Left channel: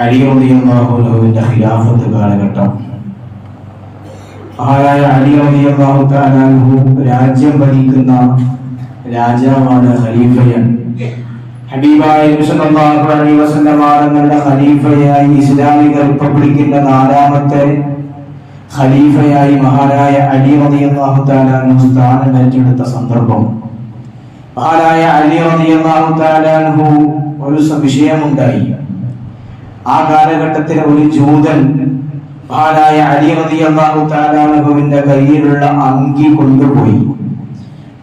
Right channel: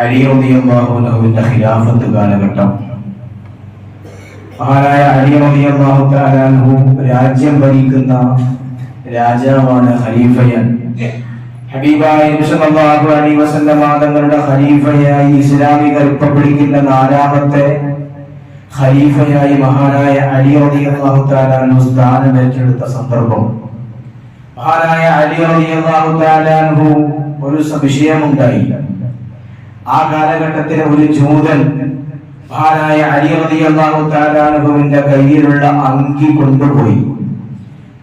അലി റളിയല്ലാഹു അൻഹുവിന്റെ ഖിലാഫത്ത് കാലഘട്ടം. മഹാനായ അലി റളിയല്ലാഹു തആല അൻഹു രാജ്യം ഭരിക്കുന്ന രാജാവാണ്, ഖലീഫയാണ്. ഹബീബായ നബി സല്ലല്ലാഹു അലൈഹി വസല്ലം തങ്ങളുടെ ഖലീഫയായി ഇസ്ലാമിക റിപ്പബ്ലിക്കിന്റെ നാലാമത്തെ ഖലീഫയായി മഹാനായ അലി റളിയല്ലാഹു തആല അൻഹു സ്ഥാനം ഏറ്റെടുത്ത സന്ദർഭം. മഹാനായ അലി റളിയല്ലാഹു തആല അൻഹു ഒരു വിഷയമുണ്ടായി. ആ കാലഘട്ടത്തിലെ ഒരു ജൂതൻ മഹാനായ അലി റളിയല്ലാഹു തആല അൻഹുവിന്റെ കയ്യിലുള്ള അങ്കി കൊണ്ടുപോയി.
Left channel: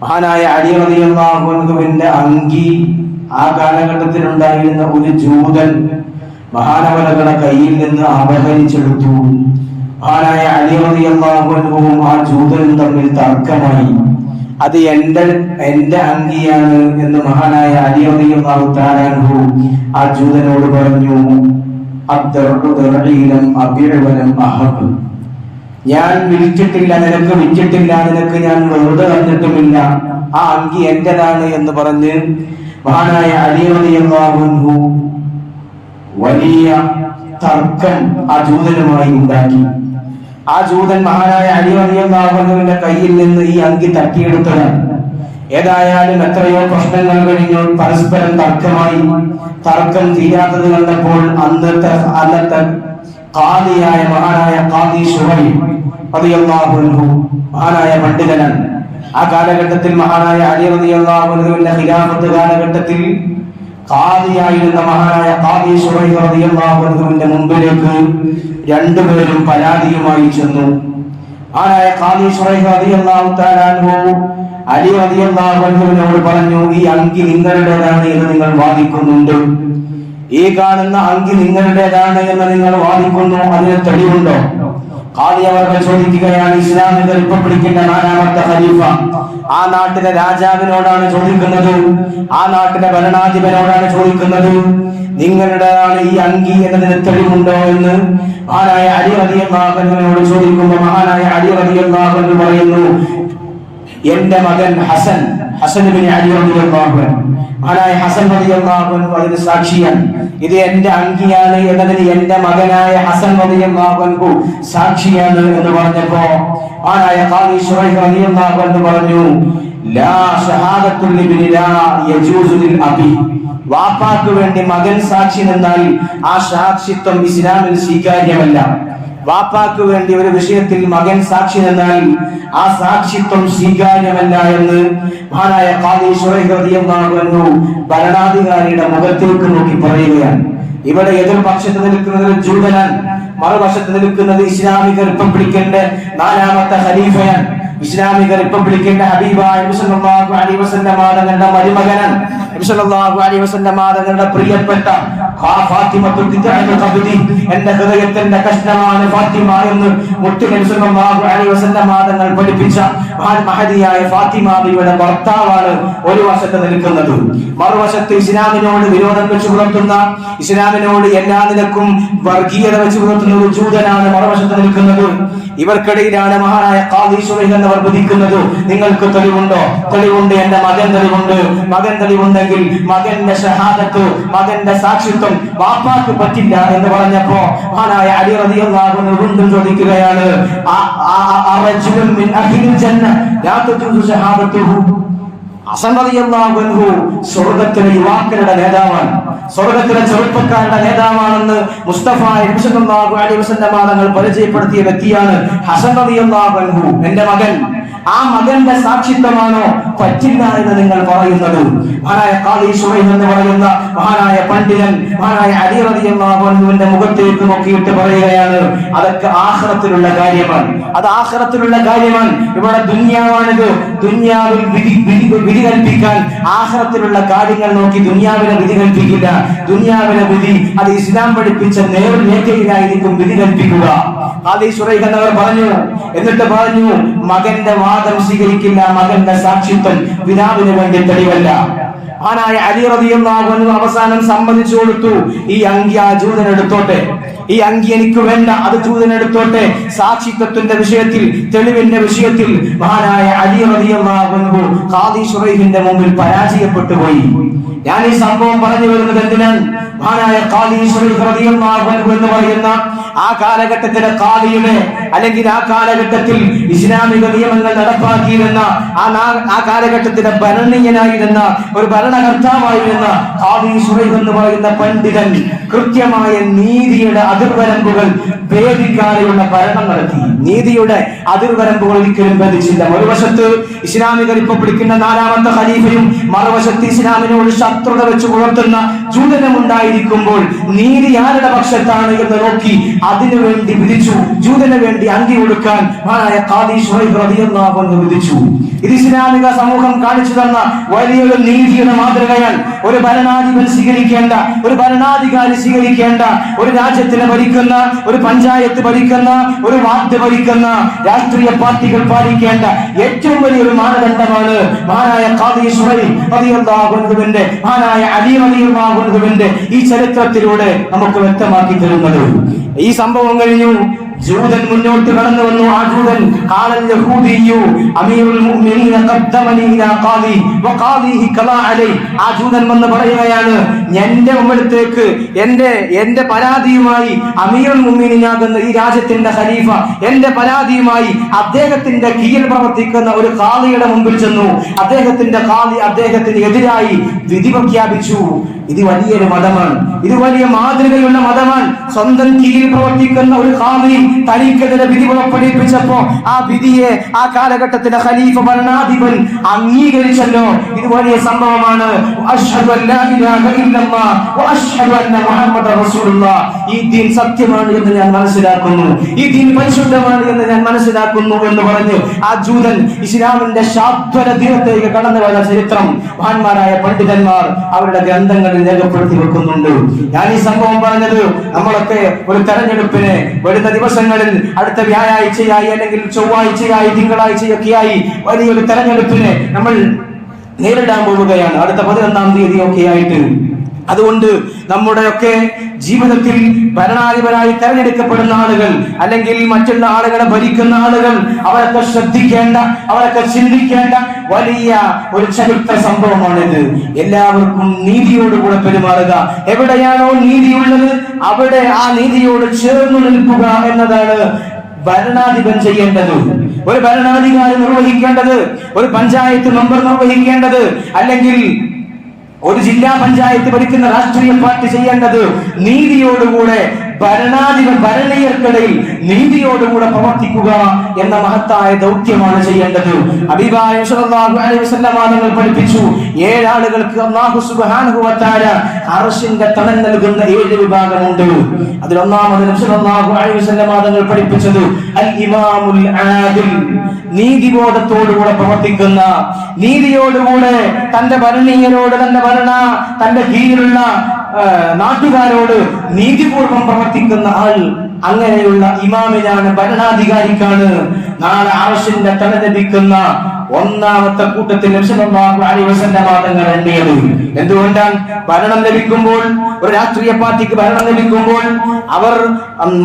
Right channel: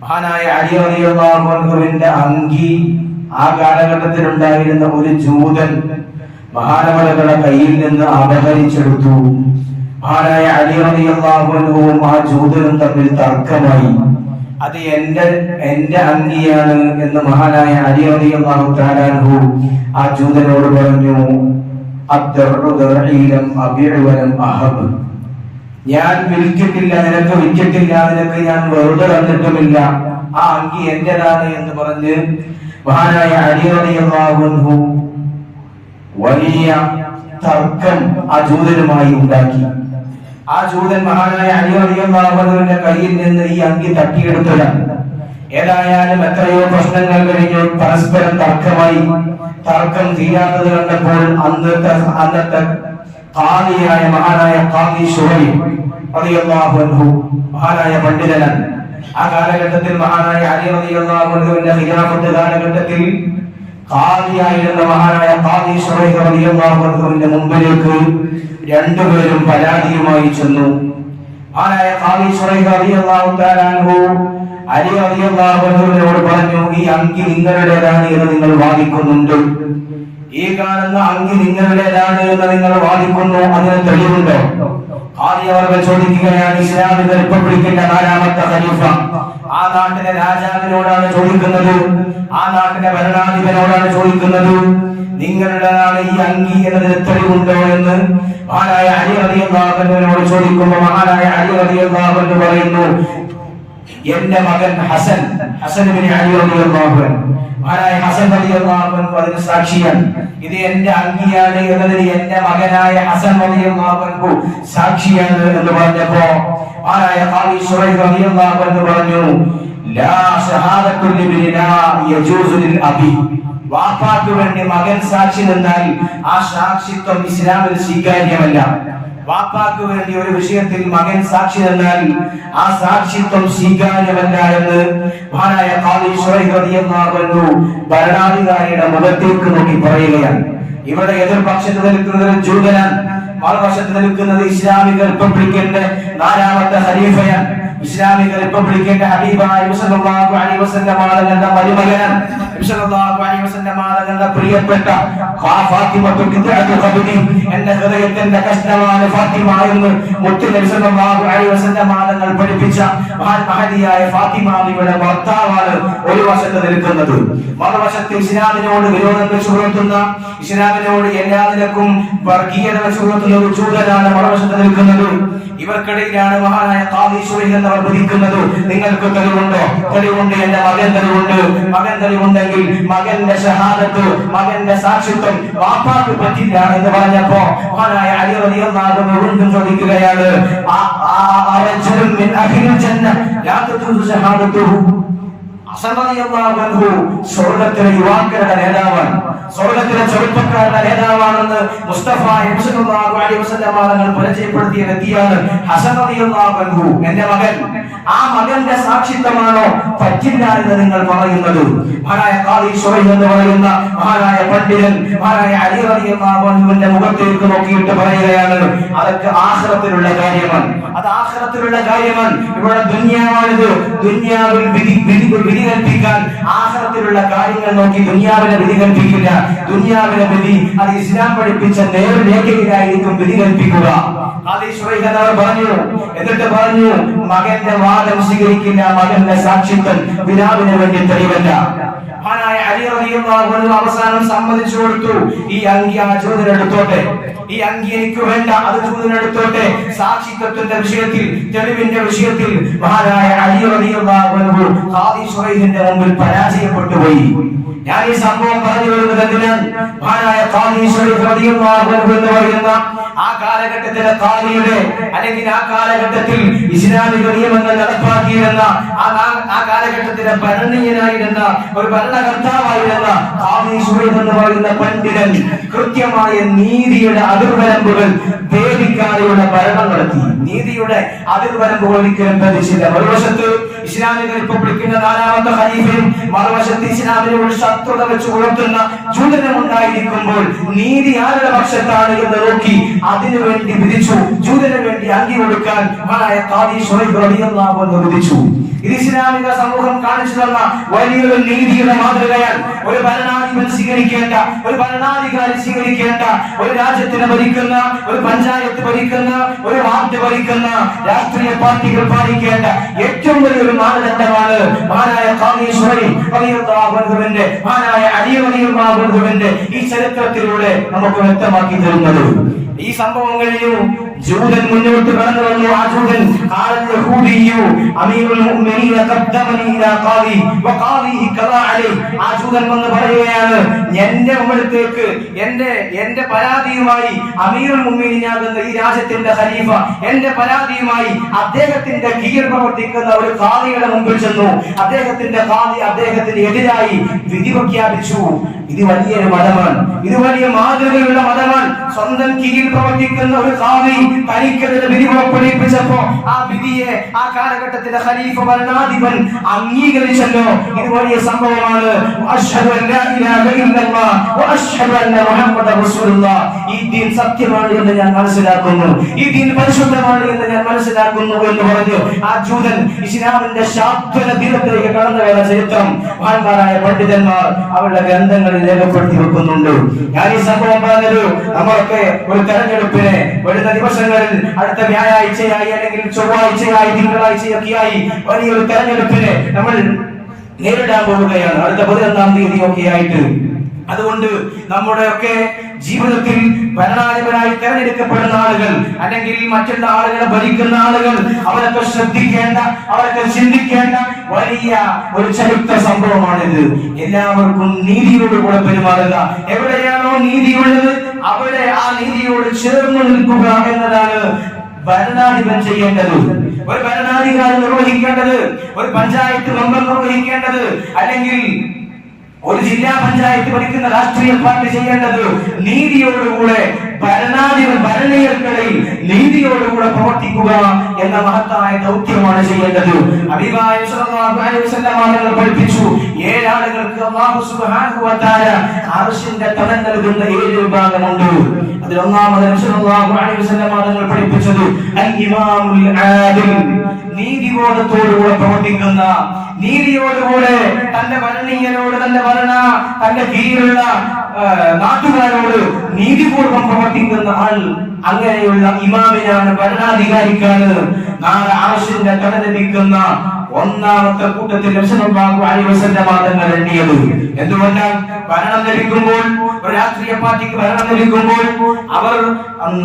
മഹാനായ അലി റളിയല്ലാഹു അൻഹുവിന്റെ അങ്കി ആ കാലഘട്ടത്തിൽ ഉണ്ടായിരുന്ന ഒരു ജൂതൻ മഹാനവറുകളുടെ കയ്യിൽ നിന്ന് അപഹരിച്ചെടുത്തു. മഹാനായ അലി റളിയല്ലാഹു അൻഹുവും ആ ജൂതനും തമ്മിൽ തർക്കമായി. അത് എന്റെ അങ്കിയാണ് എന്ന് മഹാനായ അലി റളിയല്ലാഹു തആല അൻഹു ആ ജൂതനോട് പറഞ്ഞു. ഞാൻ വിളിച്ചിട്ടില്ല, നിനക്ക് വിറ്റിട്ടില്ല, നിനക്ക് ഞാൻ വെറുതെ തന്നിട്ടുമില്ല, ആ അങ്കി എന്റേതാണ് എന്ന് പറഞ്ഞ് മഹാനായ അലി റളിയല്ലാഹു അൻഹു വലിയ തർക്കം ആ ജൂതനുമായി ഉണ്ടാക്കി. ആ ജൂതൻ മഹാനായ അലി റളിയല്ലാഹു അൻഹുവിന്റെ കയ്യിൽ നിന്ന് ഈ അങ്കി തട്ടിയെടുത്തതാണ്. ഏതായാലും എത്രയോ പ്രശ്നങ്ങൾ കഴിഞ്ഞ് പരസ്പരം തർക്കമായി. തർക്കം തീരാത്തത് കണ്ടപ്പോൾ അന്നത്തെ ഖാദിയായ മഹാനായ ഖാദി ശുഹൈബ് റളിയല്ലാഹു അൻഹു മഹാനായ പണ്ഡിതനാണ്. ആ കാലഘട്ടത്തിൽ മഹാനായ അലി റളിയല്ലാഹു അൻഹുവിന്റെ ഖിലാഫത്ത് കാലഘട്ടത്തിൽ ഖാദിയായിരുന്ന മഹാനായ ഖാദി ശുഹൈബ് റളിയല്ലാഹു അൻഹുവിന്റെ മുമ്പിലേക്ക് രണ്ടുപേരും പരാതിയുമായി ചെന്നു. മഹാനായ ഖാദി ശുഹൈബ് റളിയല്ലാഹു തആല അൻഹു അലി റളിയല്ലാഹു അൻഹുവിനോട് പറഞ്ഞു, ഈ അങ്കി നിങ്ങളുടേതാണ് എന്ന് നിങ്ങൾ വാദിക്കുന്നുണ്ട്, ഈ കാണുന്ന അങ്കി നിങ്ങളുടേതാണ് എന്ന് നിങ്ങൾ വാദിക്കുന്നു, അതിന് തെളിവുണ്ടോ? ഖാദി അവർ ചോദിക്കുകയാണ്. ഇസ്ലാമിക റിപ്പബ്ലിക്കിന്റെ നാലാമത്തെ ഖലീഫ ആ നാട്ടിലെ രാജാവിനോടാണ് ചോദിക്കുന്നത്, ആ നാട്ടിലെ ഭരണാധിപനോടാണ് ചോദിക്കുന്നത്, നിങ്ങളുടേതാണ് ഈ അങ്കി എന്നതിന് തെളിവുണ്ടോ എന്ന് മഹാനായ അലി റളിയല്ലാഹു അൻഹുവിനോട് ചോദിക്കുമ്പോൾ മഹാനായ അലി റളിയല്ലാഹു അൻഹു പറയുന്നു, എന്റെ മകൻ ഹസൻ ഇബ്നു അലി റളിയല്ലാഹു അൻഹു, മഹാനായ ഹസൻ റളിയല്ലാഹു അൻഹു അതിന് സാക്ഷിയാണ്. ഇത് എന്റെ അങ്കിയാണ് എന്നതിന് എന്റെ മകനായ ഹസൻ റളിയല്ലാഹു അൻഹു സാക്ഷിയാണ് എന്ന് പറഞ്ഞപ്പോ മഹാനായ ഖാദി ശുഹൈബ് റളിയല്ലാഹു അൻഹു പറഞ്ഞു, ലാ ഷഹാദത്തുൽ ഇബ്നി ലാ യജൂസു ലിൽ അബി. വാപ്പാക്ക് വേണ്ടി മകൻ സാക്ഷി നിന്നാൽ ആ സാക്ഷിത്വം ഇസ്ലാമിൽ സ്വീകാര്യമല്ല. വാപ്പാക്ക് വേണ്ടി ഒരു വിഷയത്തിൽ മകൻ സാക്ഷി നിന്നാൽ ആ സാക്ഷിത്വം സ്വീകാര്യമല്ല എന്ന് മഹാനായ ഖാദി ശുഹൈബ് റളിയല്ലാഹു അൻഹു ഭരണാധികാരിയുടെ മുഖത്തേക്ക് നോക്കി പറയുകയാണ്. ഇവിടെ എതിർപക്ഷത്ത് നിൽക്കുന്നത് ജൂതനാണ്, മറുപക്ഷത്ത് നിൽക്കുന്നത് ഇസ്ലാമിക റിപ്പബ്ലിക്കിന്റെ നാലാമത്തെ ഖലീഫയാണ്. ഇസ്ലാമിക റിപ്പബ്ലിക്കിന്റെ ഹബീബായ നബി സല്ലല്ലാഹു അലൈഹി വസല്ലം തങ്ങളുടെ മരുമകനാണ്. നബി സല്ലല്ലാഹു അലൈഹി വസല്ലം തങ്ങളുടെ പ്രിയപ്പെട്ട ഫാത്തിമത്തു ബിദ്അത്തുൽ ഖബ്ദി, എന്റെ ഹൃദയത്തിന്റെ കഷ്ണമാണ് ഫാത്തിമ എന്ന് മുത്തു നബി സല്ലല്ലാഹു അലൈഹി വസല്ലം തങ്ങൾ പഠിപ്പിച്ച മഹദിയായ ഫാത്തിമ ബിയുടെ ഭർത്താവാണ് ഒരു വശത്ത് നിൽക്കുന്നത്. മറുവശത്ത് ഇസ്ലാമിനോട് വിരോധം വെച്ച് പുലർത്തുന്ന, ഇസ്ലാമിനോട് എല്ലാ നിലക്കും വർഗീയത വെച്ച് പുലർത്തുന്ന ഒരു ജൂതനാണ് മറുവശത്ത് നിൽക്കുന്നത്. ഇവർക്കിടയിലാണ് മഹാനായ ഖാദി ശുഹൈബ് എന്നവർ വിധിക്കുന്നത്. നിങ്ങൾക്ക് തെളിവുണ്ടോ? തെളിവുണ്ട്, എന്റെ മകൻ തെളിവുണ്ട്. മകൻ തെളിവുണ്ടെങ്കിൽ മകന്റെ ഷഹാദത്ത്, മകന്റെ സാക്ഷിത്വം വാപ്പാക്ക് പറ്റില്ല എന്ന് പറഞ്ഞപ്പോ മഹാനായ അലി റളിയല്ലാഹു അൻഹു വീണ്ടും ചോദിക്കുകയാണ്, അറജുലുൻ മിൻ അഹ്ലിൽ ജന്ന ലാ തജൂസു ഷഹാദത്തുഹു. ഹസൻ റളിയല്ലാഹു അൻഹു സ്വർഗ്ഗത്തിലെ യുവാക്കളുടെ നേതാവാണ്, സ്വർഗ്ഗത്തിലെ ചെറുപ്പക്കാരുടെ നേതാവാണെന്ന് മുസ്തഫ സല്ലല്ലാഹു അലൈഹി വസല്ലം തങ്ങൾ പരിചയപ്പെടുത്തിയ വ്യക്തിയാണ് ഹസൻ റളിയല്ലാഹു അൻഹു. എന്റെ മകൻ, ആ മകന്റെ സാക്ഷിത്വമാണോ പറ്റില്ല എന്ന് നിങ്ങൾ പറയുന്നത്? മഹാനായ ഖാദി ശുഹൈബ് എന്ന് പറയുന്ന മഹാനായ പണ്ഡിതൻ മഹാനായ അലി റളിയല്ലാഹു അൻഹുവിന്റെ മുഖത്തേക്ക് നോക്കിയിട്ട് പറയുകയാണ്, അതൊക്കെ ആഖിറത്തിലുള്ള കാര്യമാണ്, അത് ആഖിറത്തിലുള്ള കാര്യമാണ്. ഇവിടെ ദുനിയാവാണിത്, ദുനിയാവിൽ വിധി കൽപ്പിക്കാൻ ആഖിറത്തിലുള്ള കാര്യങ്ങൾ നോക്കി ദുനിയാവിനെ വിധി കൽപ്പിക്കില്ല. ദുനിയാവിലെ വിധി അത് ഇസ്ലാം പഠിപ്പിച്ച നേർരേഖയിലായിരിക്കും വിധി കൽപ്പിക്കുക. ഖാദി ശുഹൈബ് എന്നവർ പറഞ്ഞു. എന്നിട്ട് പറഞ്ഞു, മകന്റെ വാദം സ്വീകരിക്കില്ല, മകന്റെ സാക്ഷിത്വം പിതാവിന് വേണ്ടി തെളിവല്ല. മഹാനായ അലി റളിയല്ലാഹു അൻഹു അവസാനം സമ്മതിച്ചു കൊടുത്തു, ഈ അങ്കി ആ ജൂതനെടുത്തോട്ടെ, ഈ അങ്കി എനിക്ക് വേണ്ട, അത് ജൂതനെടുത്തോട്ടെ. സാക്ഷിത്വത്തിന്റെ വിഷയത്തിൽ, തെളിവിന്റെ വിഷയത്തിൽ മഹാനായ അലി റളിയല്ലാഹു അൻഹു ഖാദി ശുഹൈബിന്റെ മുമ്പിൽ പരാജയപ്പെട്ടു പോയി. ഞാൻ ഈ സംഭവം പറഞ്ഞു വരുന്നത് എന്തിനാണ്? മഹാനായ ഖാദി ശരീഫ് റളിയല്ലാഹു അൻഹു എന്ന് പറയുന്ന ആ കാലഘട്ടത്തിലെ ഖാദിയുടെ അല്ലെങ്കിൽ ആ കാലഘട്ടത്തിൽ ഇസ്ലാമിക നിയമങ്ങൾ നടപ്പാക്കിയിരുന്ന ആ കാലഘട്ടത്തിലെ ഭരണീയനായിരുന്ന ഒരു ഭരണകർത്താവായിരുന്ന ഖാദി ശരീഫ് എന്ന് പറയുന്ന പണ്ഡിതൻ കൃത്യമായ നീതിയുടെ അതിർവരമ്പുകൾ ഭേദിക്കാതെയുള്ള ഭരണം നടത്തി. നീതിയുടെ അതിർവരമ്പുകൾ ഒരിക്കലും ഭേദിച്ചില്ല. മറുവശത്ത് ഇസ്ലാമിക റിപ്പബ്ലിക്കിന്റെ 4ാമത്തെ ഖലീഫയും മറുവശത്ത് ഇസ്ലാമിനോട് ശത്രുത വെച്ച് പുലർത്തുന്ന ജൂതനും ഉണ്ടായിരിക്കുമ്പോൾ നീതി ആരുടെ പക്ഷത്താണ് എന്ന് നോക്കി അതിനുവേണ്ടി വിധിച്ചു. ജൂതന് വേണ്ടി അങ്കി കൊടുക്കാൻ മഹാനായ ഖാദി ശരീഫ് റളിയല്ലാഹു അൻഹു വിധിച്ചു. ഇത് ഇസ്ലാമിക സമൂഹം കാണിച്ചു തന്ന വലിയൊരു നീതിയുടെ മാതൃകയാണ്. ഒരു ഭരണാധിപൻ സ്വീകരിക്കേണ്ട, ഒരു ഭരണാധികാരി സ്വീകരിക്കേണ്ട, ഒരു രാജ്യത്തിനെ ഭരിക്കുന്ന, ഒരു പഞ്ചായത്ത് ഭരിക്കുന്ന, ഒരു വാർഡ് ഭരിക്കുന്ന രാഷ്ട്രീയ പാർട്ടികൾ പാലിക്കേണ്ട ഏറ്റവും വലിയൊരു മാനദണ്ഡമാണ് മഹാനായ ഖാദി ശരീഫ് റളിയല്ലാഹു അൻഹുവിന്റെ, മഹാനായ അലി റളിയല്ലാഹു അൻഹുവിന്റെ ഈ ചരിത്രത്തിലൂടെ നമുക്ക് വ്യക്തമാക്കി തരുന്നത്. ഈ സംഭവം കഴിഞ്ഞു, ജൂതൻ മുന്നോട്ട് കടന്നു വന്നു. ആ ജൂതൻ ഖാലൽ യഹൂദിയു അമീറുൽ മുഅ്മിനീന ഖദ്ദമനി ഇലാ ഖാദി വഖാദിഹി ഖലാ അലൈ. ആ ജൂതൻ വന്ന് പറയുകയാണ്, എന്റെ മുമ്പിലേക്ക് എന്റെ പരാതിയുമായി അമീറുൽ മുഅ്മിനീനാകുന്ന ഈ രാജ്യത്തിന്റെ ഖലീഫ എന്റെ പരാതിയുമായി അദ്ദേഹത്തിന്റെ കീഴിൽ പ്രവർത്തിക്കുന്ന ഒരു ഖാദിയുടെ മുമ്പിൽ ചെന്നു. അദ്ദേഹത്തിന് എതിരായി വിധി പ്രഖ്യാപിച്ചു. ഇത് വലിയൊരു മതമാണ്, ഇത് വലിയ മാതൃകയുള്ള മതമാണ്. സ്വന്തം കീഴിൽ പ്രവർത്തിക്കുന്ന ഒരു ഖാദി തനിക്കെതിരെ വിധി പുറപ്പെടുവിപ്പിച്ചപ്പോ ആ വിധിയെ ആ കാലഘട്ടത്തിലെ ഖലീഫ ഭരണാധിപൻ അംഗീകരിച്ചല്ലോ. ഇത് വലിയ സംഭവമാണ്. അശ്ഹദു അല്ലാ ഇലാഹ ഇല്ലല്ലാഹ് വഅശ്ഹദു അന്ന മുഹമ്മദ റസൂലുള്ളാഹ്. ഈ ദീൻ സത്യമാണ് എന്ന് ഞാൻ മനസ്സിലാക്കുന്നു, ഈ ദീൻ പരിശുദ്ധമാണ് എന്ന് ഞാൻ മനസ്സിലാക്കുന്നു എന്ന് പറഞ്ഞു ആ ജൂതൻ ഇസ്ലാമിന്റെ ശാശ്വത ദിനത്തേക്ക് കടന്നു വന്ന ചരിത്രം മഹാന്മാരായ പണ്ഡിതന്മാർ അവരുടെ ഗ്രന്ഥങ്ങളിൽ രേഖപ്പെടുത്തി വെക്കുന്നുണ്ട്. ഞാൻ ഈ സംഭവം പറഞ്ഞത് നമ്മളൊക്കെ ഒരു തെരഞ്ഞെടുപ്പിനെ വരുന്ന ദിവസങ്ങളിൽ അടുത്ത വ്യാഴാഴ്ചയായി അല്ലെങ്കിൽ ചൊവ്വാഴ്ചയായി തിങ്കളാഴ്ചയൊക്കെയായി വലിയൊരു തെരഞ്ഞെടുപ്പിനെ നമ്മൾ നേരിടാൻ പോവുകയാണ്, അടുത്ത 11-ാം തീയതിയൊക്കെ ആയിട്ട്. അതുകൊണ്ട് നമ്മുടെയൊക്കെ ജീവിതത്തിൽ ഭരണാധിപരായി തെരഞ്ഞെടുക്കപ്പെടുന്ന ആളുകൾ അല്ലെങ്കിൽ മറ്റുള്ള ആളുകളെ ഭരിക്കുന്ന ആളുകൾ അവരൊക്കെ ശ്രദ്ധിക്കേണ്ട, അവരൊക്കെ ചിന്തിക്കേണ്ട വലിയ ഒരു ചരിത്ര സംഭവമാണിത്. എല്ലാവർക്കും നീതിയോടുകൂടെ പെരുമാറുക. എവിടെയാണോ നീതിയുള്ളത് അവിടെ ആ നീതിയോട് ചേർന്ന് നിൽക്കുക എന്നതാണ് ഭരണാധിപൻ ചെയ്യേണ്ടത്, ഒരു ഭരണാധികാരി നിർവഹിക്കേണ്ടത്, ഒരു പഞ്ചായത്ത് മെമ്പർ നിർവഹിക്കേണ്ടത്, അല്ലെങ്കിൽ ഒരു ജില്ലാ പഞ്ചായത്ത് ഭരിക്കുന്ന രാഷ്ട്രീയ പാർട്ടി ചെയ്യേണ്ടത് നീതിയോടുകൂടെ ഭരണീയർക്കിടയിൽ നീതിയോടുകൂടെ പ്രവർത്തിക്കുക എന്ന മഹത്തായ ദൗത്യമാണ് ചെയ്യേണ്ടത്. ഹബീബായ സ്വല്ലല്ലാഹു അലൈഹി വസല്ലം തങ്ങൾ പഠിപ്പിച്ചു, 7 ആളുകൾക്ക് അല്ലാഹു സുബ്ഹാനഹു വ തആല അർശിന്റെ തണൽ നൽകുന്ന 7 വിഭാഗമുണ്ട്. അതിൽ ഒന്നാമത് നബി സ്വല്ലല്ലാഹു അലൈഹി വസല്ലം തങ്ങൾ പഠിപ്പിച്ചത് അൽ ഇമാമുൽ ആദിൽ, നീതിബോധത്തോടുകൂടെ പ്രവർത്തിക്കുന്ന, നീതിയോടുകൂടെ തന്റെ ഭരണീയരോട് തന്റെ കീഴിലുള്ള നാട്ടുകാരോട് നീതിപൂർവം പ്രവർത്തിക്കുന്ന ആൾ. അങ്ങനെയുള്ള ഇമാമിനാണ്, ഭരണാധികാരിക്കാണ് നാളെ അർശിന്റെ തണൽ ലഭിക്കുന്ന ഒന്നാമത്തെ കൂട്ടത്തിൽ നബി സല്ലല്ലാഹു അലൈഹി വസല്ലം തങ്ങൾ എണ്ണിയത്. എന്തുകൊണ്ടാണ്? ഭരണം ലഭിക്കുമ്പോൾ, ഒരു രാഷ്ട്രീയ പാർട്ടിക്ക് ഭരണം ലഭിക്കുമ്പോൾ അവർ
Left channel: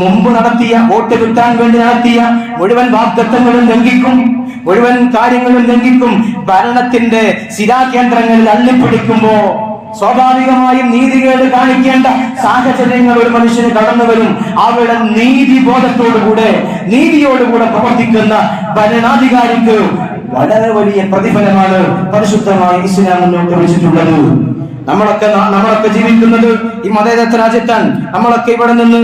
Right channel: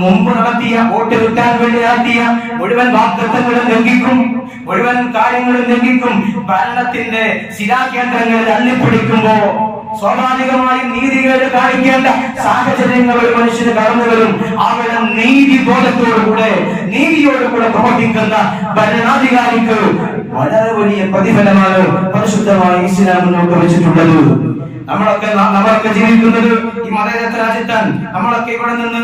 മുമ്പ് നടത്തിയ, വോട്ട് കിട്ടാൻ വേണ്ടി നടത്തിയ മുഴുവൻ വാഗ്ദത്തങ്ങളും ലംഘിക്കും, മുഴുവൻ കാര്യങ്ങളും ലംഘിക്കും. ഭരണത്തിന്റെ ശിലാകേന്ദ്രങ്ങളിൽ അള്ളിപ്പിടിക്കുമ്പോ സ്വാഭാവികമായും നീതികേട് കാണിക്കേണ്ട സാഹചര്യങ്ങൾ ഒരു മനുഷ്യന് കടന്നു വരും. അവരുടെ നീതിബോധത്തോടുകൂടെ, നീതിയോടുകൂടെ പ്രവർത്തിക്കുന്ന ഭരണാധികാരിക്ക് വളരെ വലിയ പ്രതിഫലമാണ് പരിശുദ്ധമായ ഇസ്ലാം മുന്നോട്ട് വെച്ചിട്ടുള്ളത്. നമ്മളൊക്കെ ജീവിക്കുന്നത് ഈ മതേതര രാജ്യത്താണ്. നമ്മളൊക്കെ ഇവിടെ നിന്ന്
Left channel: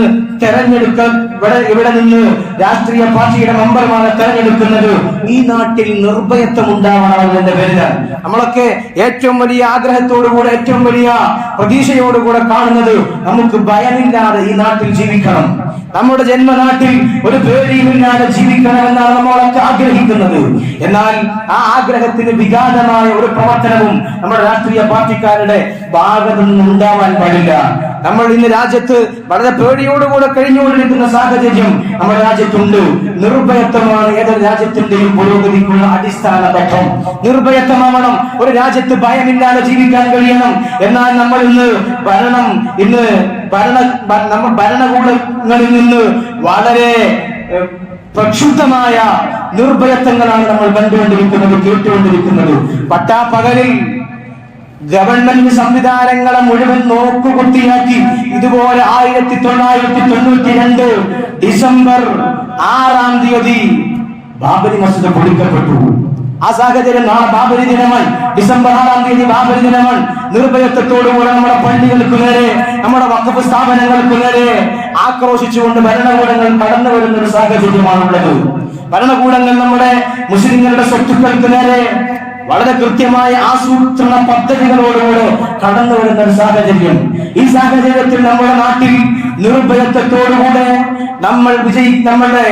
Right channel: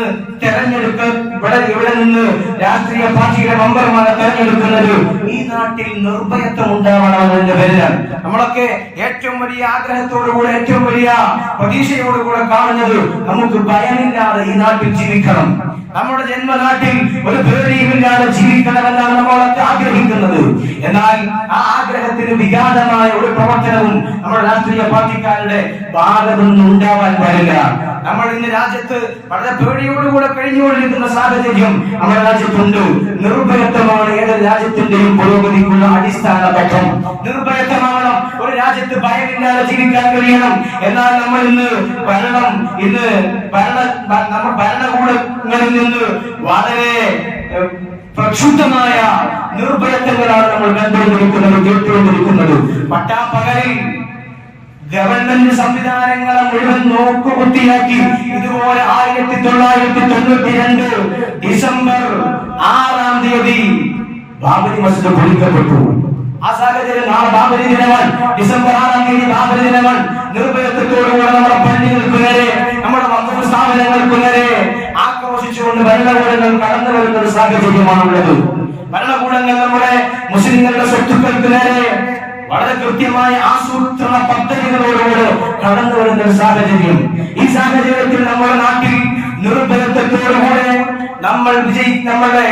ഇവിടെ നിന്ന് രാഷ്ട്രീയ പാർട്ടിയുടെ മെമ്പർമാരെ തെരഞ്ഞെടുക്കുന്നത് ഈ നാട്ടിൽ നിർഭയത്വം ഉണ്ടാവണമെന്നതിന്റെ പേരിലാണ്. നമ്മളൊക്കെ ഏറ്റവും വലിയ ആഗ്രഹത്തോടുകൂടെ, ഏറ്റവും വലിയ പ്രതീക്ഷയോടുകൂടെ കാണുന്നത് നമുക്ക് ഭയമില്ലാതെ ഈ നാട്ടിൽ ജീവിക്കണം, നമ്മുടെ ജന്മനാട്ടിൽ ഒരു പേടിയുമില്ലാതെ ജീവിക്കണമെന്നാണ് നമ്മളൊക്കെ ആഗ്രഹിക്കുന്നത്. എന്നാൽ ആ ആഗ്രഹത്തിന് വിഘാതമായ ഒരു പ്രവർത്തനവും നമ്മുടെ രാഷ്ട്രീയ പാർട്ടിക്കാരുടെ ഭാഗത്തു നിന്നും ഉണ്ടാവാൻ പാടില്ല. നമ്മൾ ഇന്ന് രാജ്യത്ത് വളരെ പേടിയോടുകൂടെ കഴിഞ്ഞുകൊണ്ടിരിക്കുന്ന സാഹചര്യം നമ്മുടെ രാജ്യത്തുണ്ട്. നിർഭയത്വമാണ് ഏതൊരു രാജ്യത്തിന്റെയും പുരോഗതിക്കുള്ള അടിസ്ഥാന ഘട്ടം. നിർഭയത്വമാവണം, ഒരു രാജ്യത്ത് ഭയമില്ലാതെ ജീവിക്കാൻ കഴിയണം. എന്നാൽ നമ്മൾ ഇന്ന് ഭരണകൂടങ്ങളിൽ നിന്ന് വളരെ പ്രക്ഷുബ്ധമായ നിർഭയത്വങ്ങളാണ് നമ്മൾ കണ്ടുകൊണ്ടിരിക്കുന്നത്, കേട്ടുകൊണ്ടിരിക്കുന്നത്. പട്ടാപ്പകലിൽ ഗവൺമെന്റ് സംവിധാനങ്ങളെ മുഴുവൻ നോക്കുകുത്തിയാക്കി ഇതുപോലെ 1992 ഡിസംബർ 6-ാം തീയതി ബാബരി മസ്ജിദ് പൊളിക്കപ്പെട്ടു. ആ സാഹചര്യം നാളെ ബാബരി ദിനമാണ്, ഡിസംബർ 6-ാം തീയതി ബാബരി ദിനമാണ്. നിർഭയത്വത്തോടുകൂടെ നമ്മുടെ പള്ളികൾക്ക് നേരെ, നമ്മുടെ വഖഫ് സ്ഥാപനങ്ങൾക്ക് നേരെ ആക്രോശിച്ചുകൊണ്ട് ഭരണകൂടങ്ങൾ കടന്നു വരുന്ന ഒരു സാഹചര്യമാണുള്ളത്. ഭരണകൂടങ്ങൾ നമ്മുടെ മുസ്ലിങ്ങളുടെ സ്വത്തുക്കൾക്ക് നേരെ വളരെ കൃത്യമായ ആസൂത്രണ പദ്ധതികളോടുകൂടെ കടന്നു വരുന്ന ഒരു സാഹചര്യം. ഈ സാഹചര്യത്തിൽ നമ്മുടെ നാട്ടിൽ നിർഭയത്വത്തോടുകൂടെ നമ്മളുടെ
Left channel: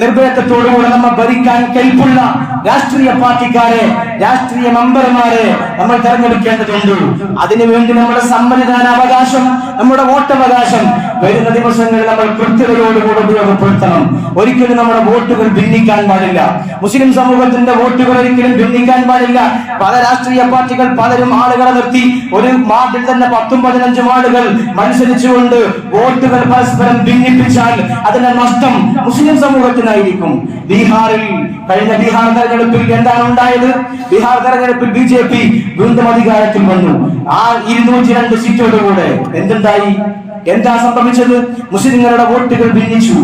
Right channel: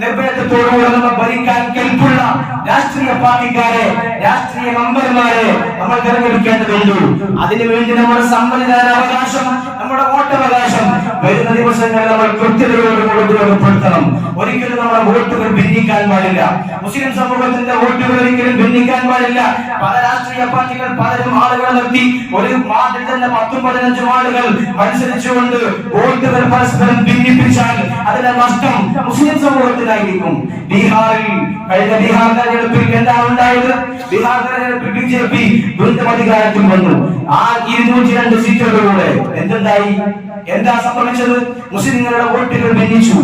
നിർഭയത്വത്തോടുകൂടെ നമ്മൾ ഭരിക്കാൻ കെൽപ്പുള്ള രാഷ്ട്രീയ പാർട്ടിക്കാരെ, രാഷ്ട്രീയ മെമ്പർമാരെ നമ്മൾ തെരഞ്ഞെടുക്കേണ്ടതുണ്ട്. അതിനുവേണ്ടി നമ്മുടെ സമ്മതിദാനാവകാശം, നമ്മുടെ വോട്ടവകാശം വരുന്ന ദിവസങ്ങളിൽ നമ്മൾ കൃത്യതയോടുകൂടെ ഉപയോഗപ്പെടുത്തണം. ഒരിക്കലും നമ്മുടെ വോട്ടുകൾ ഭിന്നിക്കാൻ പാടില്ല. മുസ്ലിം സമൂഹത്തിന്റെ വോട്ടുകൾ ഒരിക്കലും ഭിന്നിക്കാൻ പാടില്ല. പല രാഷ്ട്രീയ പാർട്ടികൾ പലരും ആളുകളെ നിർത്തി ഒരു വാർഡിൽ തന്നെ 10-15 ആളുകൾ മത്സരിച്ചുകൊണ്ട് വോട്ടുകൾ പരസ്പരം ഭിന്നിപ്പിച്ചാൽ അതിന്റെ നഷ്ടം മുസ്ലിം സമൂഹത്തിനായിരിക്കും. ബീഹാറിൽ കഴിഞ്ഞ ബീഹാർ തെരഞ്ഞെടുപ്പിൽ എന്താണ് ഉണ്ടായത്? ബീഹാർ തെരഞ്ഞെടുപ്പിൽ BJP വീണ്ടും അധികാരത്തിൽ വന്നു. ആ 202 സീറ്റോടുകൂടെ എന്തുണ്ടായി? എന്താ സംഭവിച്ചത്? മുസ്ലിങ്ങളുടെ വോട്ടുകൾ ഭിന്നിച്ചു,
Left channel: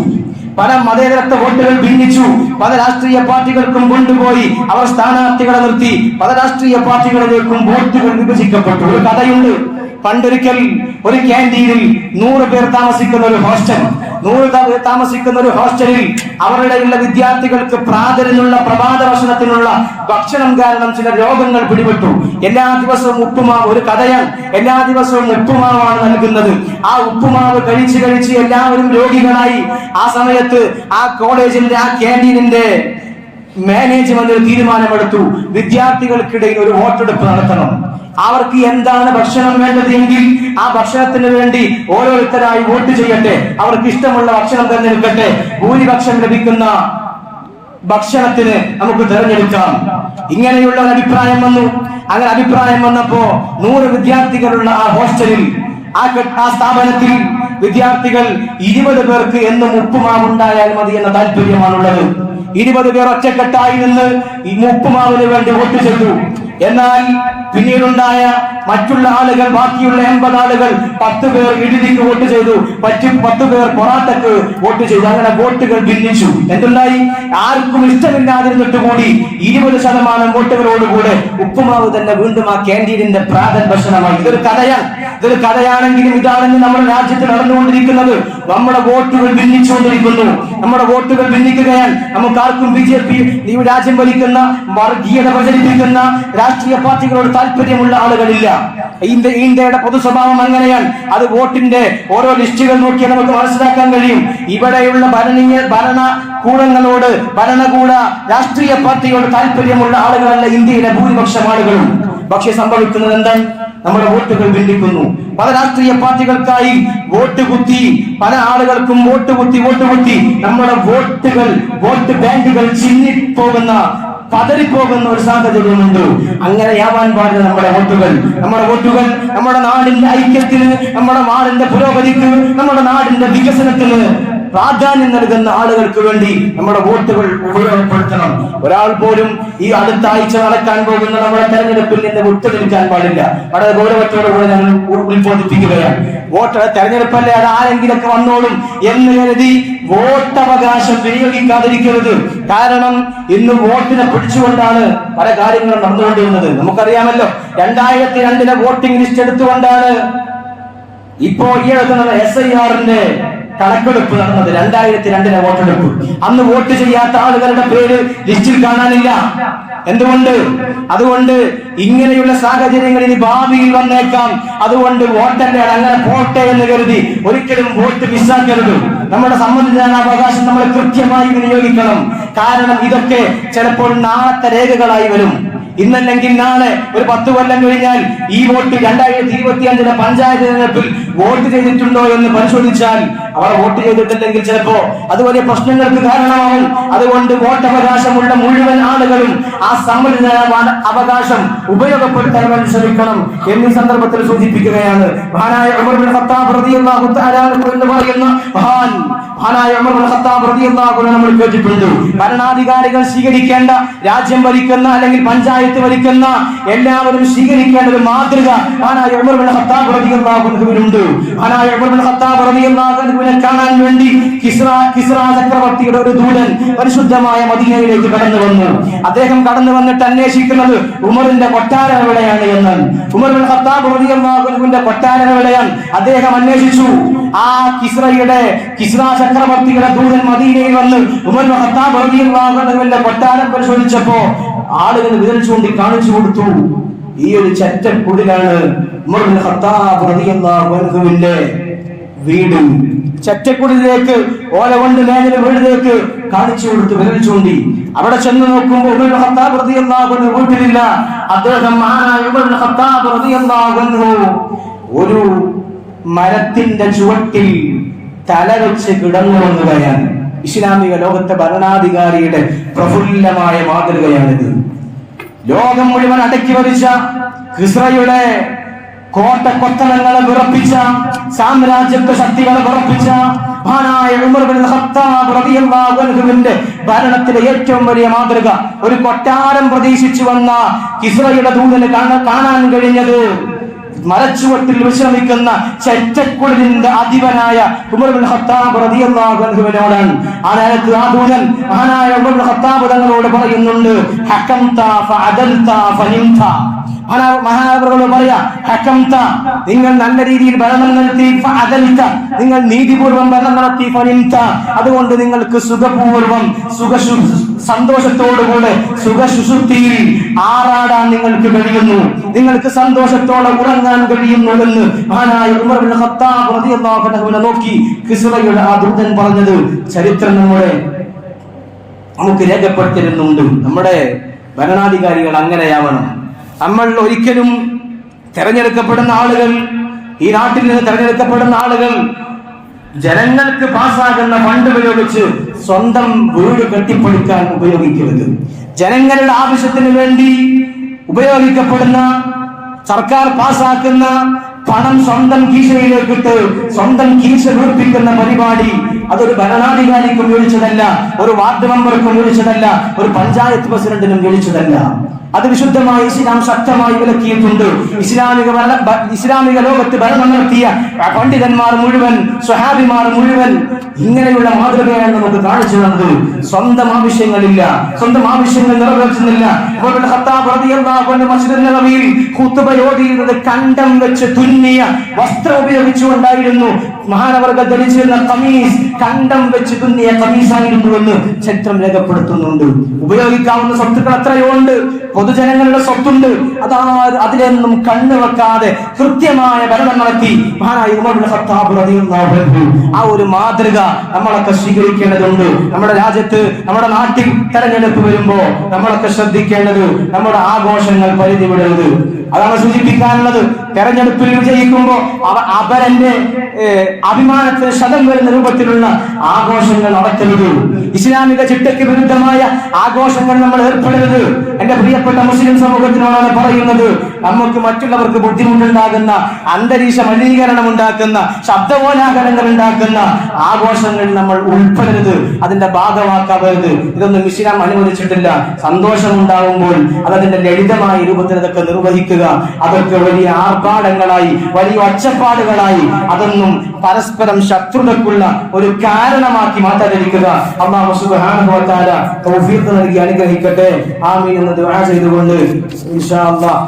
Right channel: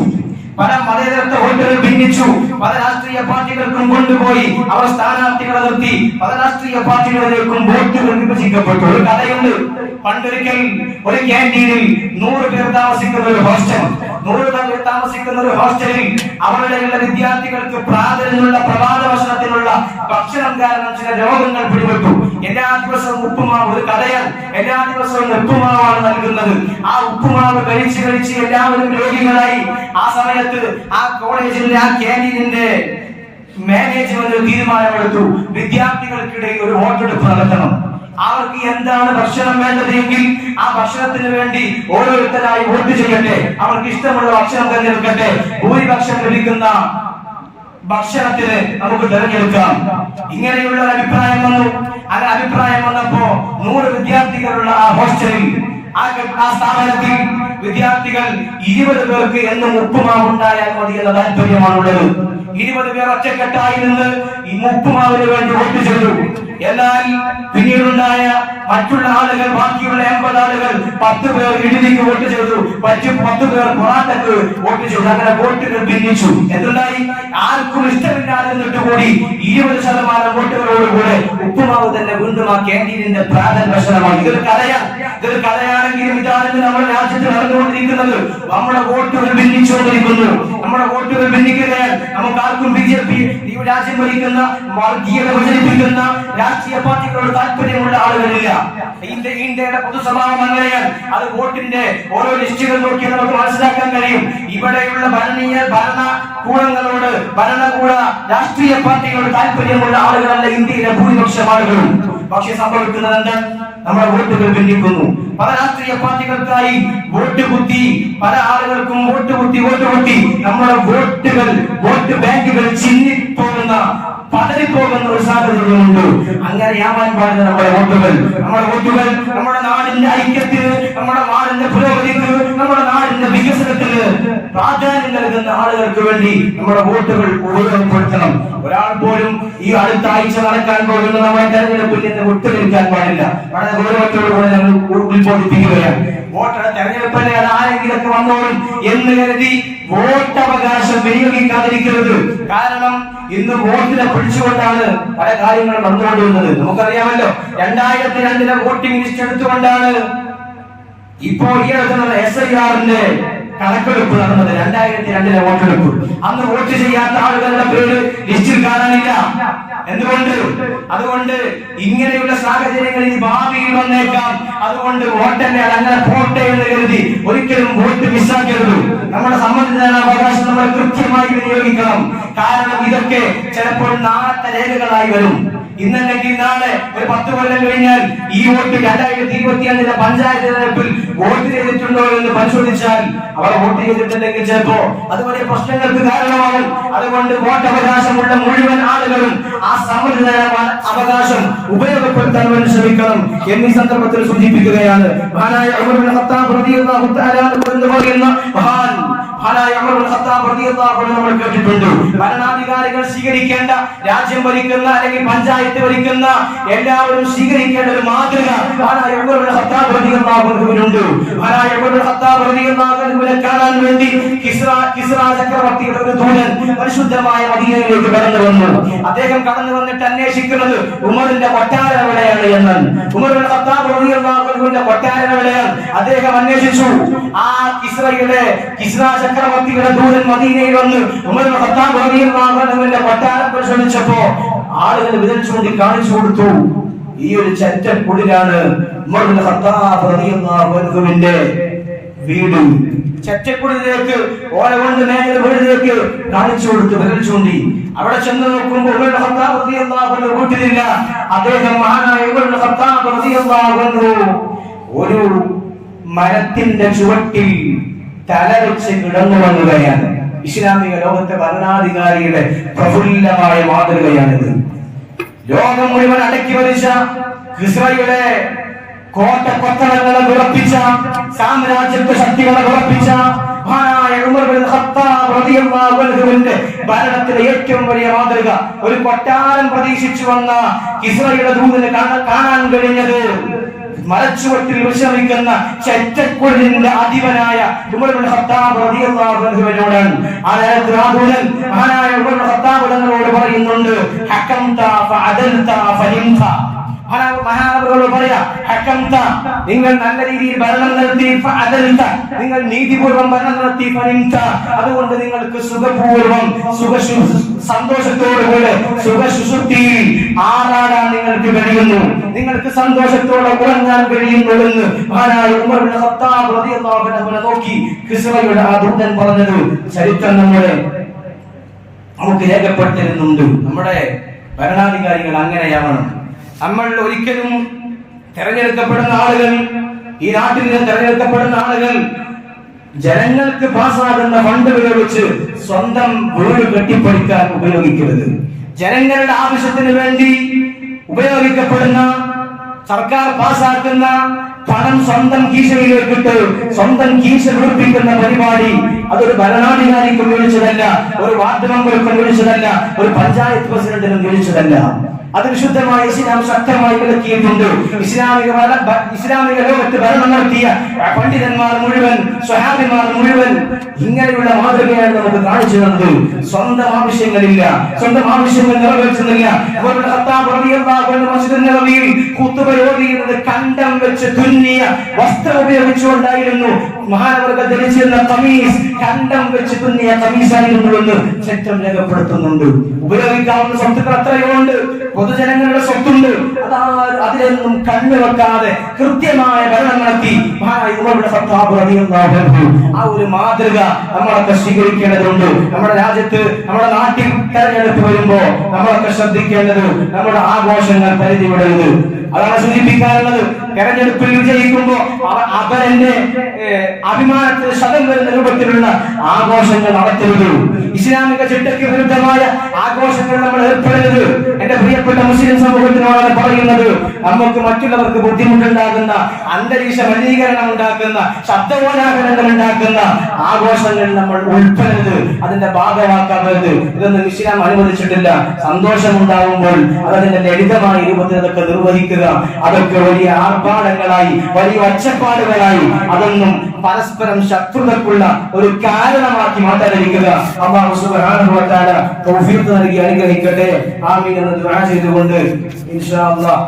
പല മതേതരത്വ വോട്ടുകൾ ഭിന്നിച്ചു. പല രാഷ്ട്രീയ പാർട്ടികൾക്കും കൊണ്ടുപോയി അവർ സ്ഥാനാർത്ഥികളെ നിർത്തി. പല രാഷ്ട്രീയ പാർട്ടികളിലേക്കും വോട്ടുകൾ വിഭജിക്കപ്പെട്ടു. ഒരു കഥയുണ്ട്. പണ്ടൊരിക്കൽ ഒരു ക്യാന്റീനിൽ 100 പേർ താമസിക്കുന്ന ഒരു ഹോസ്റ്റൽ, 100 പേർ താമസിക്കുന്ന ഒരു ഹോസ്റ്റലിൽ അവരുടെയുള്ള വിദ്യാർത്ഥികൾക്ക് പ്രാതലിനുള്ള പ്രഭാത ഭക്ഷണത്തിനുള്ള ഭക്ഷണം കാരണം ചില രോഗങ്ങൾ പിടിപെട്ടു. എല്ലാ ദിവസവും ഉപ്പുമാവ്, ഒരു കഥയാണ്, എല്ലാ ദിവസവും ഉപ്പുമാവാണ് നൽകുന്നത്. ആ ഉപ്പുമാവ് കഴിച്ച് എല്ലാവരും രോഗികളായി. ആ സമയത്ത് ആ കോളേജിന്റെ, ആ ക്യാന്റീനിന്റെ മാനേജ്മെന്റ് തീരുമാനമെടുത്തു, വിദ്യാർത്ഥികൾക്കിടയിൽ ഒരു വോട്ടെടുപ്പ് നടത്തണം. അവർക്ക് എന്താണ് ഭക്ഷണം വേണ്ടതെങ്കിൽ ആ ഭക്ഷണത്തിന് വേണ്ടി ഓരോരുത്തരായി വോട്ട് ചെയ്യട്ടെ. അവർക്ക് ഇഷ്ടമുള്ള ഭക്ഷണം തിരഞ്ഞെടുക്കട്ടെ. ഭൂരിപക്ഷം ലഭിക്കുന്ന ഭക്ഷണത്തിന് നമുക്ക് തിരഞ്ഞെടുക്കാം. ഇങ്ങനെയുള്ള അഭിപ്രായം വന്നു. അങ്ങനെ അഭിപ്രായം വന്നപ്പോ 100 വിദ്യാർത്ഥികളുള്ള ആ ഹോസ്റ്റലിൽ, ആ സ്ഥാപനത്തിൽ വിദ്യാർത്ഥികൾ 20 പേർക്ക് എന്നും ഉപ്പുമാവ് ഉണ്ടായാൽ മതി എന്ന താല്പര്യമാണുള്ളത്. 20 പേർ ഒറ്റക്കെട്ടായി നിന്ന് ഈ ഉപ്പുമാവിന് വേണ്ടി വോട്ട് ചെയ്തു. എന്നാൽ പിന്നീടുണ്ടായ മറ്റുള്ള ആളുകൾ, ബാക്കിയുള്ള 80 ആളുകൾ 10 പേർ ഇഡ്ഡലിക്ക് വോട്ട് ചെയ്തു, 10 പേർ പൊറാട്ടക്ക് വോട്ട് ചെയ്തു. അങ്ങനെ വോട്ടുകൾ ഭിന്നിച്ചു. എന്തുണ്ടായി? ആർക്കും ഇഷ്ടമില്ലാതിരുന്നിട്ട് കൂടി 20% വോട്ടുകളോടുകൂടെ ഉപ്പുമാവ് തന്നെ വീണ്ടും ആ ക്യാന്റീനിന്റെ പ്രാതൽ ഭക്ഷണമായി. ഇതൊരു കഥയാണെങ്കിലും ഇതാണെന്ന് നമ്മുടെ രാജ്യത്ത് നടന്നുകൊണ്ടിരിക്കുന്നത്. നമ്മുടെ വോട്ടുകൾ ഭിന്നിച്ചുകൊണ്ടിരിക്കുന്നു. നമ്മുടെ വോട്ടുകൾ ഭിന്നിക്കുകയാൽ നമുക്ക് ആർക്കും BJP, ഈ രാജ്യം ഭരിക്കുന്ന വർഗീയത പ്രചരിപ്പിക്കുന്ന രാഷ്ട്രീയ പാർട്ടികളോട് താല്പര്യമുള്ള ആളുകളില്ല. ഇന്ത്യയുടെ പൊതുസ്വഭാവം അങ്ങനെയാണ്. അത് വോട്ടിന്റെ ഓരോ ലിസ്റ്റുകൾ നോക്കിയാൽ നമുക്ക് മനസ്സിലാക്കാൻ കഴിയും. ഇവിടെയുള്ള ഭരണകൂട രാഷ്ട്രീയ പാർട്ടികളോട് താല്പര്യമുള്ള ആളുകളല്ല ഇന്ത്യയിലെ ഭൂരിപക്ഷം ആളുകളും. പക്ഷെ സംഭവിക്കുന്നത് എന്താണ്? നമ്മുടെ വോട്ടുകൾ ഭിന്നിക്കുന്നു. പല രാഷ്ട്രീയ പാർട്ടികൾക്കായി വോട്ട് കുത്തി, പല ആളുകൾക്കും വോട്ട് കുത്തി നമ്മുടെ വോട്ട് ബാങ്കുകൾ ചിന്നിപ്പോകുന്ന, പതറിപ്പോകുന്ന ഒരു സാഹചര്യമുണ്ട്. അങ്ങനെയാവാൻ പാടില്ല. നമ്മുടെ വോട്ടുകൾ നമ്മുടെ നാടിന്റെ ഐക്യത്തിന്, നമ്മുടെ നാടിന്റെ പുരോഗതിക്ക്, നമ്മുടെ നാടിന്റെ വികസനത്തിന് പ്രാധാന്യം നൽകുന്ന ആളുകൾക്ക് വേണ്ടി നമ്മുടെ വോട്ടുകൾ ഉപയോഗപ്പെടുത്തണം. ഒരാൾ പോലും ഈ അടുത്ത ആഴ്ച നടക്കാൻ പോകുന്ന നമ്മുടെ തെരഞ്ഞെടുപ്പിൽ നിന്ന് വിട്ടുനിൽക്കാൻ പാടില്ല. വളരെ ഗൗരവത്തോടുകൂടെ ഞങ്ങൾ ഉത്ബോധിപ്പിക്കുകയാണ്. തെരഞ്ഞെടുപ്പല്ലേ, അത് ആരെങ്കിലൊക്കെ വന്നോളും എന്ന് കരുതി വോട്ടവകാശം വിനിയോഗിക്കാതിരിക്കരുത്. കാരണം ഇന്ന് വോട്ടിനെ പിടിച്ചുകൊണ്ടാണ് പല കാര്യങ്ങളും നടന്നുകൊണ്ടിരുന്നത്. നമുക്കറിയാമല്ലോ, 2002 വോട്ടിംഗ് ലിസ്റ്റ് എടുത്തുകൊണ്ടാണ് ഇപ്പോൾ ഈ എടുക്കുന്നത് SIR-ന്റെ കണക്കെടുപ്പ് നടന്നത്. 2002 വോട്ടെടുപ്പ്. അന്ന് വോട്ട് ചെയ്യാത്ത ആളുകളുടെ പേര് ലിസ്റ്റിൽ കാണാനില്ല. അതുകൊണ്ട് ഇങ്ങനെയുള്ള സാഹചര്യങ്ങൾ ഇനി ഭാവിയിൽ വന്നേക്കാം. അതുകൊണ്ട് വോട്ടല്ലേ, അങ്ങനെ പോട്ടെ എന്ന് കരുതി ഒരിക്കലും വോട്ട് മിസ്സാക്കരുത്. നമ്മുടെ സമ്മതിദാനാവകാശം നമ്മൾ കൃത്യമായി വിനിയോഗിക്കണം. കാരണം ഇതൊക്കെ ചിലപ്പോൾ നാളത്തെ രേഖകളായി വരും. ഇന്നല്ലെങ്കിൽ നാളെ, ഒരു 10 കൊല്ലം കഴിഞ്ഞാൽ ഈ വോട്ട് 2025 പഞ്ചായത്ത് തെരഞ്ഞെടുപ്പിൽ വോട്ട് ചെയ്തിട്ടുണ്ടോ എന്ന് പരിശോധിച്ചാൽ അവർ വോട്ട് ചെയ്തിട്ടില്ലെങ്കിൽ ചിലപ്പോ അത് വലിയ പ്രശ്നങ്ങൾക്ക് കാരണമാവും. അതുകൊണ്ട് വോട്ടവകാശമുള്ള മുഴുവൻ ആളുകളും ആ സമ്മതിദാന അവകാശം ഉപയോഗപ്പെടുത്താൻ വേണ്ടി ശ്രമിക്കണം എന്നീ സന്ദർഭത്തിൽ സൂചിപ്പിക്കുകയാണ്. മഹാനായ ഉമർ ബിൻ ഖത്താബ് റളിയല്ലാഹു തആല എന്ന് പറയുന്ന മഹാനായ ഉമർ ഇബ്നുൽ ഖത്താബ് റളിയല്ലാഹു അൻഹു നമ്മൾ കേട്ടിട്ടുണ്ട്. ഭരണാധികാരികൾ സ്വീകരിക്കേണ്ട, രാജ്യം ഭരിക്കുന്ന അല്ലെങ്കിൽ പഞ്ചായത്ത് ഭരിക്കുന്ന എല്ലാവരും സ്വീകരിക്കേണ്ട ഒരു മാതൃക മഹാനായ ഉമർ ഇബ്നുൽ ഖത്താബ് റളിയല്ലാഹു അൻഹുവിനുണ്ട്. മഹാനായ ഉമർ ഇബ്നുൽ ഖത്താബ് റളിയല്ലാഹു അൻഹുവിനെ കാണാൻ വേണ്ടി കിസ്റ ചക്രവർത്തിയുടെ ഒരു ദൂതൻ പരിശുദ്ധമായ മദീനയിലേക്ക് കടന്നു വന്നു. അദ്ദേഹം കടന്നു വന്നിട്ട് അന്വേഷിക്കുന്നത് ഉമറിന്റെ കൊട്ടാരം എവിടെയാണ് എന്നാണ്. ഉമർ ഇബ്നുൽ ഖത്താബ് റളിയല്ലാഹു അൻഹുവിന്റെ കൊട്ടാരം എവിടെയാണ് അദ്ദേഹം അന്വേഷിച്ചു. ആ കിസ്റ ചക്രവർത്തിയുടെ ദൂതൻ മദീനയിൽ വന്ന് ഉമർ ഇബ്നുൽ ഖത്താബ് റളിയല്ലാഹു അൻഹുവിന്റെ കൊട്ടാരം പരിശോധിച്ചപ്പോ ആളുകൾ വിരൽ ചൂണ്ടി കാണിച്ചു കൊടുത്തു. ഈ ഒരു ചെറ്റക്കുടിലാണ് ഉമർ ഇബ്നുൽ ഖത്താബ് റളിയല്ലാഹു അൻഹുവിന്റെ വീട്. ചെറ്റക്കുടിലേക്ക് ഓല കൊണ്ട് മേഞ്ഞ വീടിലേക്ക് കാണിച്ചു കൊടുത്തു, വിരൽ ചൂണ്ടി. അവിടെ ചെന്ന് നോക്കുമ്പോൾ ഉമർ ഇബ്നുൽ ഖത്താബ് റളിയല്ലാഹു അൻഹു വീട്ടിലില്ല. അദ്ദേഹം മഹാനായ ഉമർ ഇബ്നുൽ ഖത്താബ് റളിയല്ലാഹു അൻഹു ഒരു മരത്തിന്റെ ചുവട്ടിൽ തല വെച്ച് കിടന്നുറങ്ങുകയാണ്. ഇസ്ലാമിക ലോകത്തെ ഭരണാധികാരിയുടെ പ്രഫുല്ലമായ മാതൃകയാണിത്. ലോകം മുഴുവൻ അടക്കി വരിച്ച കിസ്റയുടെ കോട്ടക്കൊത്തളങ്ങളെ വിറപ്പിച്ച, സാമ്രാജ്യത്വ ശക്തികളെ വിറപ്പിച്ച മഹാനായ ഉമർ ഇബ്നുൽ ഖത്താബ് റളിയല്ലാഹു അൻഹുവിന്റെ ഭരണത്തിലെ ഏറ്റവും വലിയ മാതൃക ഒരു കൊട്ടാരം പ്രതീക്ഷിച്ചു വന്ന കിസ്റയുടെ ദൂതന് കാണാൻ കഴിഞ്ഞത് മരച്ചുവട്ടിൽ വിശ്രമിക്കുന്ന ചെറ്റക്കുടിലിന്റെ അധിപനായ ഉമർ ഇബ്നുൽ ഖത്താബ് റളിയല്ലാഹു അൻഹുവിനോടാണ്. ആ നേരത്ത് ആ ദൂതൻ മഹാനായ ഉമർ ഇബ്നുൽ ഖത്താബ് തങ്ങളോട് പറയുന്നുണ്ട്, ഹകംത ഫഅദൽത ഫനിംത. മഹാനവറുകൾ പറയാ, ഹകംത നിങ്ങൾ നല്ല രീതിയിൽ ഭരണം നടത്തി, ഫഅദൽത നിങ്ങൾ നീതിപൂർവ്വം ഭരണം നടത്തി, ഫനിംത അതുകൊണ്ട് നിങ്ങൾക്ക് സുഖപൂർവ്വം സന്തോഷത്തോടുകൂടെ സുഖസുഷുപ്തിയിൽ ആറാടാൻ നിങ്ങൾക്ക് കഴിയുന്നു, നിങ്ങൾക്ക് സന്തോഷത്തോടെ ഉറങ്ങാൻ കഴിയുന്നുവെന്ന് മഹാനായ ഉമർ ഇബ്നുൽ ഖത്താബ് റളിയല്ലാഹു അൻഹുവിനെ നോക്കി കിസ്റയുടെ ആ ദൂതൻ പറഞ്ഞത് ചരിത്രം നമുക്ക് രേഖപ്പെടുത്തിരുന്നുണ്ട്. നമ്മുടെ ഭരണാധികാരികൾ അങ്ങനെയാവണം. നമ്മൾ ഒരിക്കലും തെരഞ്ഞെടുക്കപ്പെടുന്ന ആളുകൾ, ഈ നാട്ടിൽ നിന്ന് തെരഞ്ഞെടുക്കപ്പെടുന്ന ആളുകൾ ജനങ്ങൾക്ക് പാസ്സാകുന്ന ഫണ്ട് ഉപയോഗിച്ച് സ്വന്തം വീട് കെട്ടിപ്പടുക്കാൻ ഉപയോഗിക്കരുത്. ജനങ്ങളുടെ ആവശ്യത്തിന് വേണ്ടി ഉപയോഗിക്കപ്പെടുന്ന, സർക്കാർ പാസ്സാക്കുന്ന പണം സ്വന്തം കീശയിലേക്കിട്ട് സ്വന്തം കീശ വീർപ്പിക്കുന്ന പരിപാടി അതൊരു ഭരണാധികാരിക്കും വിളിച്ചതല്ല, ഒരു വാർഡ് മെമ്പർക്കും വിളിച്ചതല്ല, ഒരു പഞ്ചായത്ത് പ്രസിഡന്റിനും വിളിച്ചതല്ല. അത് വിശുദ്ധമായി ഇസ്ലാം ശക്തമായി വിലക്കിയിട്ടുണ്ട്. ഇസ്ലാമിക ലോകത്ത് ഭരണം നടത്തിയ പണ്ഡിതന്മാർ മുഴുവൻ, സ്വഹാബിമാർ മുഴുവൻ ഇങ്ങനെയുള്ള മാതൃകയാണ് നമുക്ക് കാണിച്ചു തന്നത്. സ്വന്തം ആവശ്യങ്ങളില്ല, സ്വന്തം ആവശ്യങ്ങൾ നിറവേറ്റുന്നില്ല. ഖുതുബയോതിയിരുന്നത് കണ്ടം വെച്ച് തുന്നിയ വസ്ത്രം ഉപയോഗിച്ചുകൊണ്ടായിരുന്നു. മഹാനവർഗ ധരിച്ചിരുന്ന കമീസ് കണ്ടം വെച്ച് തുന്നിയ കമീസായിരുന്നുവെന്ന് ചരിത്രം രേഖപ്പെടുത്തുന്നുണ്ട്. ഉപയോഗിക്കാവുന്ന സ്വത്തുക്കൾ അത്രയുണ്ട്, പൊതുജനങ്ങളുടെ സ്വത്തുണ്ട്. അതിലൊന്നും കണ്ണുവെക്കാതെ കൃത്യമായ ഭരണം നടത്തി മഹാനായ ഉമർ ഇബ്നുൽ ഖത്താബ് റളിയല്ലാഹു അൻഹു ആ ഒരു മാതൃക നമ്മളൊക്കെ സ്വീകരിക്കേണ്ടതുണ്ട്. നമ്മുടെ രാജ്യത്ത്, നമ്മുടെ നാട്ടിൽ തെരഞ്ഞെടുപ്പ് വരുമ്പോ നമ്മളൊക്കെ ശ്രദ്ധിക്കേണ്ടത് നമ്മുടെ ആഘോഷങ്ങൾ പരിധി വിടരുത്. അതാണ് സൂചിപ്പിക്കാനുള്ളത്. തെരഞ്ഞെടുപ്പിൽ വിജയിക്കുമ്പോ അവരന്റെ അഭിമാനത്തിന് ശതം വരുന്ന രൂപത്തിലുള്ള ആഘോഷങ്ങൾ നടത്തരുത്. ഇസ്ലാമിക ചിട്ടയ്ക്ക് വിരുദ്ധമായ ആഘോഷങ്ങൾ നമ്മൾ ഏർപ്പെടരുത്. എന്റെ പ്രിയപ്പെട്ട മുസ്ലിം സമൂഹത്തിനോടാണ് പറയുന്നത്, നമുക്ക് മറ്റുള്ളവർക്ക് ബുദ്ധിമുട്ടുണ്ടാകുന്ന, അന്തരീക്ഷ മലിനീകരണം ഉണ്ടാക്കുന്ന, ശബ്ദകോലാഹലങ്ങൾ ഉണ്ടാക്കുന്ന ആഘോഷങ്ങളിൽ നമ്മൾ ഉൾപ്പെടരുത്, അതിന്റെ ഭാഗമാക്കാവരുത്. ഇതൊന്നും ഇസ്ലാം അനുവദിച്ചിട്ടില്ല. സന്തോഷമുണ്ടാകുമ്പോൾ അതതിന്റെ ലളിതമായ രൂപത്തിൽ അതൊക്കെ നിർവഹിക്കുക. അതൊക്കെ വലിയ ആർഭാടങ്ങളായി, വലിയ ഒച്ചപ്പാടുകളായി, അതൊന്നും പരസ്പരം ശത്രുതക്കുള്ള ഒരു കാരണമാക്കി മാറ്റാതിരിക്കുക. അല്ലാഹു സുബ്ഹാനഹു വ തആല തൗഫീഖ് നൽകി അനുഗ്രഹിക്കട്ടെ. ആമീൻ എന്ന് ദുആ ചെയ്തുകൊണ്ട് ഇൻഷാ അല്ലാഹ്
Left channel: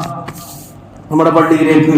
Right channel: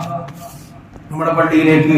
നമ്മുടെ പള്ളിയിലേക്ക്